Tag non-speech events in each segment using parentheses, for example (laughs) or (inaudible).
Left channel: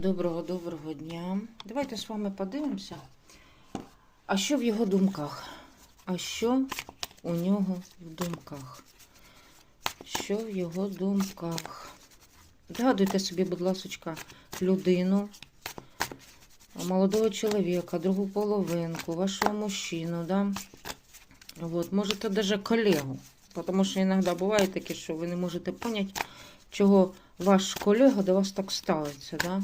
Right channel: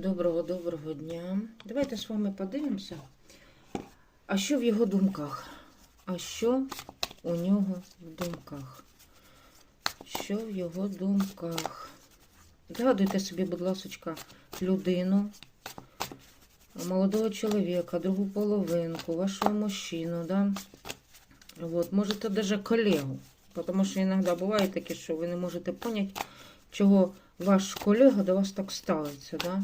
Доброго доброго дня. Давайте з вами подивимося. А що в його думках? А що у нього в думках? Що в його думках? Згадуйте собі, будь ласка, людину, молодого чоловіка, другу половинку, вашого мужчину, да? Вот, можете даже колегу. Потому що іноді буває таке, що ви не можете поняти, чого ваш колега до вас так ставиться, да?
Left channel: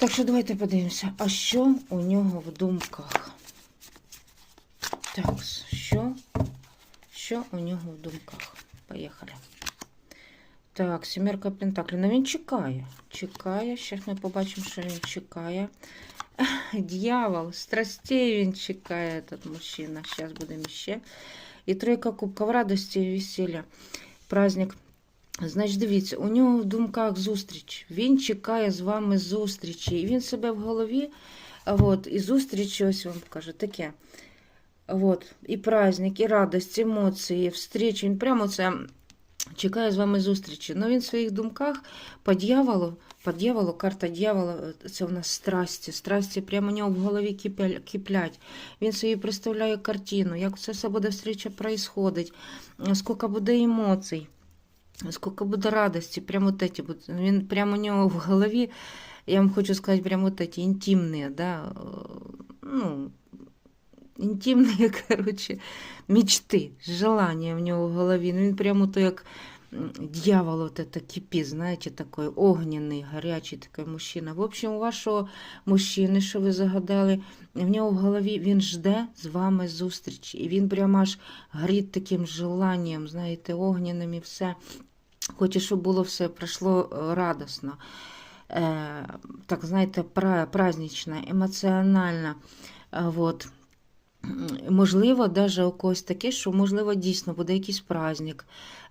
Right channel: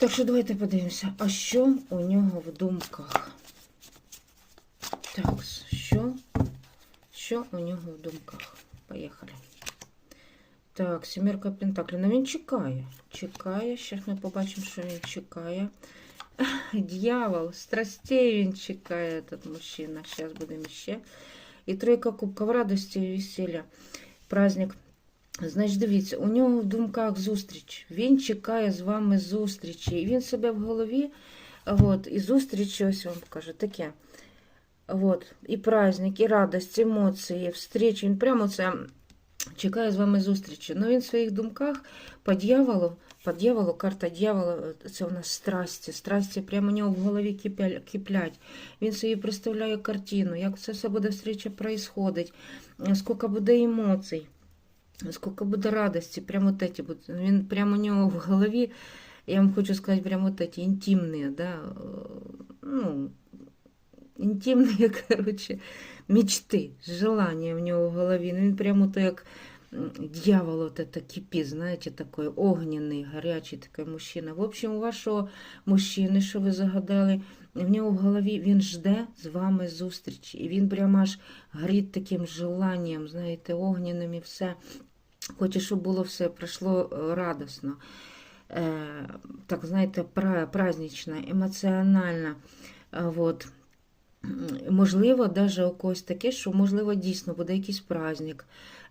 Так що давайте подивимося, а що у нього в думках? Так, що? Що у нього в думках? Поїхали. Так, сімерка Пентаклів. Ну він чекає. Чекає. Зараз ми побачимо, що він чекає. (laughs) Дьявол, страстей він чекає, этот мужчина. Зараз будемо ще. І тройка кубків радості і весілля. Праздник. Значить, дивіться, у нього в думках зустріч. Він чекає з вами зустрічі. І він себе в голові, от, і зустрічі, ось вам покажу, таке. От, і праздник, і радость, емоції, встрічі. Він прямо це чекає з вами зустрічі. Ну він в своїх думках по дьяволу, по дьяволу, карта дьявола, це у нас страсті. Страсті прямо у нього в голові киплять. Він собі представляє картину, як це все буде встреча происходить, скільки буде емоцій Сколько буде радості, прямо от эти, вот, він прямо у нього в голові, я вам хочу сказати, прямо вот эти интимные, да, э, ну, інтимні, (laughs) коротше, мечти, желання в нього в голові. Ну, він прямо то як м, дьявол от это кипить, знаєте, такий огняний, гарячий такий мужчина. В общем, у вашого мужчини, що ви загадали, в нього в голові він жде з вами зустрічі. І він прямо аж горить таким желанням, знаєте, огняним і все. Хоче, щоб було все пройшло е, радосно. Е, так, знаєте, пра- празднично, емоціонально. Е, Вот. Можливо, даже у когось таке, що можливо дійсно буде якийсь праздник.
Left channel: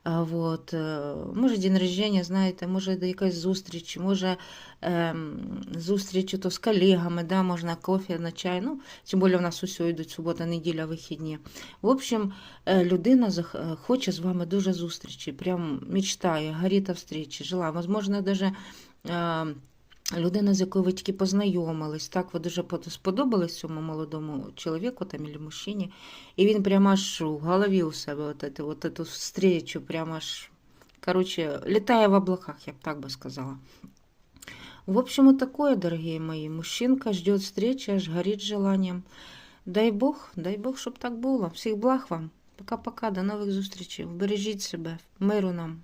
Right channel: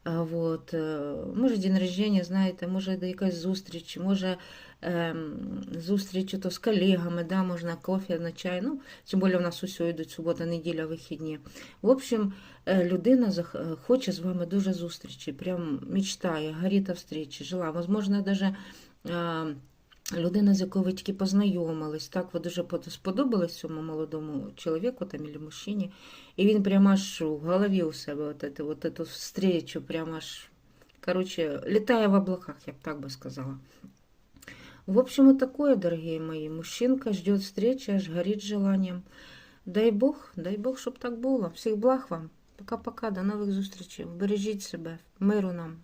Вот. е, Може день рождення, знаєте, може якась зустріч, може ем, зустріч то з колегами, да, можна кофе на чай. Ну, тим більше у нас усе йдуть субота, неділя, вихідні. В общем, е, людина е, хоче з вами дуже зустрічі, прям мечтає, горить встрічі, жила. Возможно, е, людина, з якою ви тільки познайомились, так, ви дуже сподобались цьому молодому чоловіку там, або мужчині, і він прямо аж в голові у себе от эту, вот эту встречу, прямо аж, короче, літає в облаках, я б так би сказала. В общем, вот такое, дорогие мои. Мужчинка ждет встречи, аж горит желанием. Дай Бог, дай Бог, щоб так було. Всіх благ вам. Пока-пока, до нових зустрічей. Бережіть себе. Миру нам.